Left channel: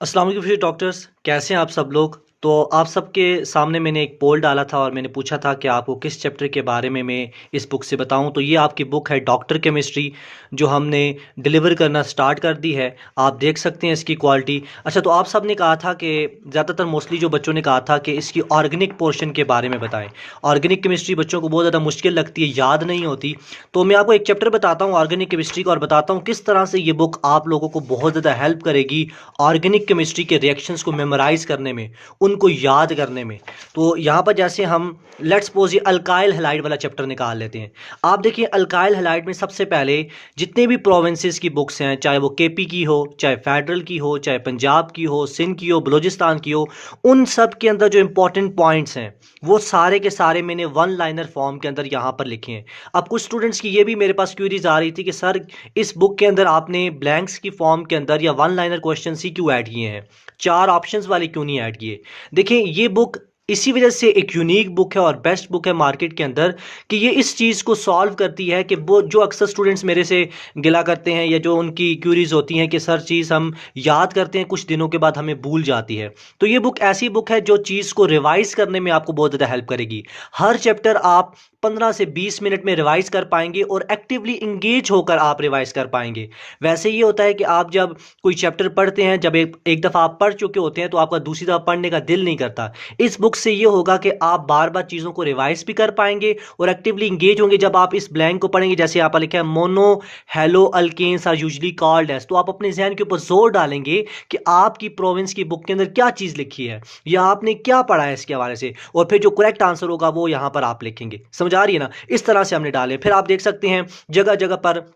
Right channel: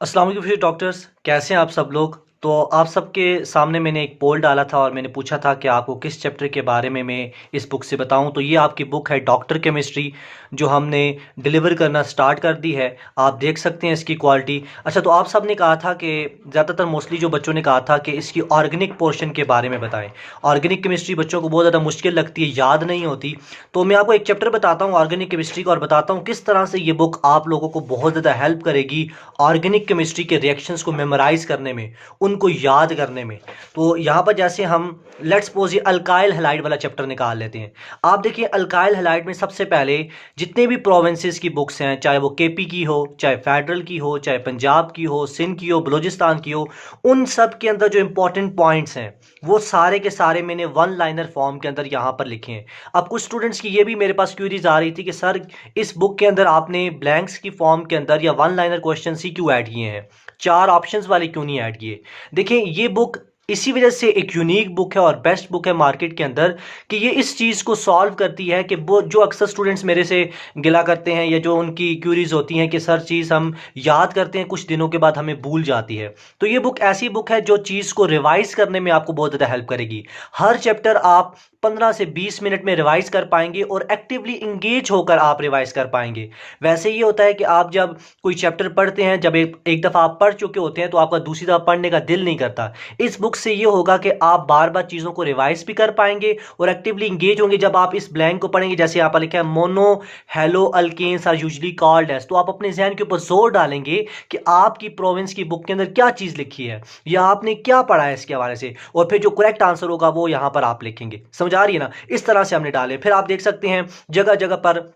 अस्सलाम वालेकुम डॉक्टर्स, कैसे हैं आप सब लोग। तो आप सबके सामने मैंने एक पोल डाला था और मैंने पूछा था कि आपको किस चैप्टर के बारे में मैं इस बुक से बताऊं। तो ये आपकी बुक है डॉक्टर केमिस्ट्री, जो हमने डिलीवर करना स्टार्ट कर दी है। आप देख सकते हैं इसकी क्वालिटी। अच्छा, तो आप सब ने कहा था कि ज़्यादातर मोस्टली जो बच्चों ने कहा था कि इसकी ऑर्गेनिक पोर्शन के बारे में बताएं। ऑर्गेनिक केमिस्ट्री बच्चों को बहुत ज़्यादा मुश्किल लगती है, याद नहीं होती। तो मैं आपको एक चैप्टर बताता हूँ ऑर्गेनिक केमिस्ट्री का और बताता हूँ किस तरह से ये बुक आप लोगों को बहुत ज़्यादा हेल्प करेगी ऑर्गेनिक केमिस्ट्री के रिएक्शंस को मेमोराइज करने में, उनको याद करने में। तो यहाँ पर जैसे हम लेट्स सपोज ये अल्काइल हैलाइड वाला चैप्टर निकाल लेते हैं। आप देखिए अल्काइल हैलाइड में सबसे पहले जितने भी प्रोविंसेस की बुक्स हैं, चाहे वो केपी की हो, चाहे फेडरल की हो, चाहे पंजाब की हो, सिंध की हो, बलूचिस्तान की हो, उन सब के अंदर जो इंपॉर्टेंट पॉइंट्स हैं वो सारे के सारे मैंने वन लाइनर फॉर्म के अंदर यहाँ पर लिखे हैं। अब कुछ स्टूडेंट्स की ये भी मेरे पास क्वेरीज आ रही थी कि सर इस बुक के अंदर आपने ब्लैंक्स की फॉर्म के अंदर या वन लाइनर क्वेश्चन ही क्यों ऐड किए हैं, चार ऑप्शंस वाले क्यों नहीं ऐड किए। देखिए ये बुक इसी वजह से एक यूनिक बुक है और बेस्ट बुक है मार्केट के अंदर कि ये इस चीज़ को सॉल्व करती है कि वो जो अक्सर स्टूडेंट्स मेरे से गिला करते हैं या जो उनकी क्यूरीज होती हैं कि सर चीज़ हम याद करते हैं कुछ दिनों के बाद हमें भूल जाती है। तो ये बुक ऐसी बुक है जो चीज़ को रिवाइज करने में आपको बहुत ज़्यादा हेल्प करेगी। हर चैप्टर आप 15 से 20 मिनट में रिवाइज कर पाएंगे और एक्टिवली इंगेज होकर आप रिवाइज कर पाएंगे। वैसे ये होता है कि आप जब कोई चैप्टर पढ़ते हैं, जब एक दफ़ा आप पढ़ चुके होते हैं तो आपका दूसरी दफ़ा पढ़ने का दिल नहीं करता। इस बुक से ये होगा कि आप बार बार चीज़ों को रिवाइज भी कर पाएंगे और एक्टिवली इंगेज होंगे। जब आप इस ब्लैंक को पढ़ेंगे, जैसे यहाँ पर लिखा है mono halo alkanes are usually called as, तो आप अपने जहन के ऊपर जोर डालेंगे कि आपकी प्रोविंस की बुक के अंदर क्या चीज़ लिखी है या आपने क्या पढ़ा है इसके हवाले से, और फिर जो करेक्ट आंसर होगा वो यहाँ पर आप लिखेंगे। समझ आ रही है ना। इस तरह से हमने डाले। फिर आप देख सकते हैं जगह जगह पर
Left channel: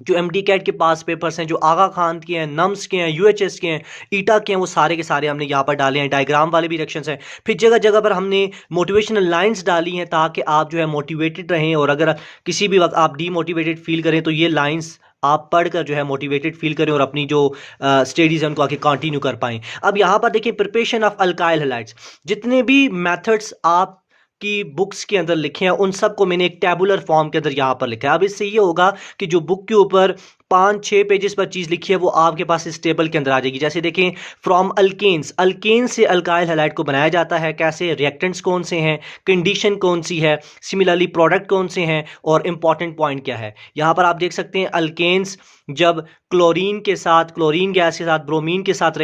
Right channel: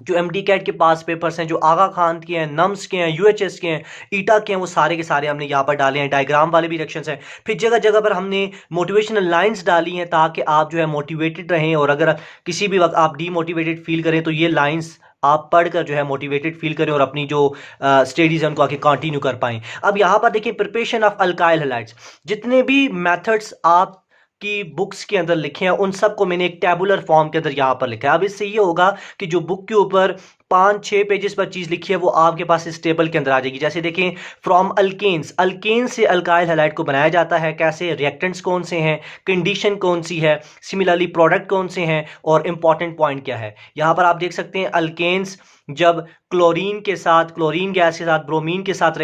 जो एमडी कैट के पास पेपर्स हैं, जो आगा खान के हैं, नम्स के हैं, यूएचएस के हैं, ईटा के हैं, वो सारे के सारे हमने यहाँ पर डाले हैं। डायग्राम वाले भी रिएक्शंस हैं। फिर जगह जगह पर हमने मोटिवेशनल लाइंस डाली हैं ताकि आप जो है मोटिवेटेड रहें, और अगर किसी भी वक्त आप डीमोटिवेटेड फील करें तो ये लाइंस आप पढ़कर जो है मोटिवेटेड फील करें और अपनी जो स्टडीज़ है उनको आगे कंटिन्यू कर पाएं। अब यहाँ पर देखिए प्रिपरेशन ऑफ अल्काइल हैलाइड्स, जितने भी मेथड्स आप की बुक्स के अंदर लिखे हैं उन सबको मैंने एक टेबुलर फॉर्म के अंदर यहाँ पर लिखा है। अब इससे ये होगा कि जो बुक के ऊपर 5-6 पेजेस पर चीज़ लिखी है वो आपके पास इस टेबल के अंदर आ जाएगी। जैसे देखें, फ्रॉम अल्केन्स, अल्केन्स से अल्काइल हैलाइड को बनाया जाता है कैसे, रिएक्टेंट्स कौन से हैं, कंडीशन कौन सी है, सिमिलरली प्रोडक्ट कौन से हैं, और इंपॉर्टेंट पॉइंट क्या है। यहाँ पर आप देख सकते हैं अल्केन्स जब क्लोरीन के साथ, क्लोरीन गैस के साथ, ब्रोमीन के साथ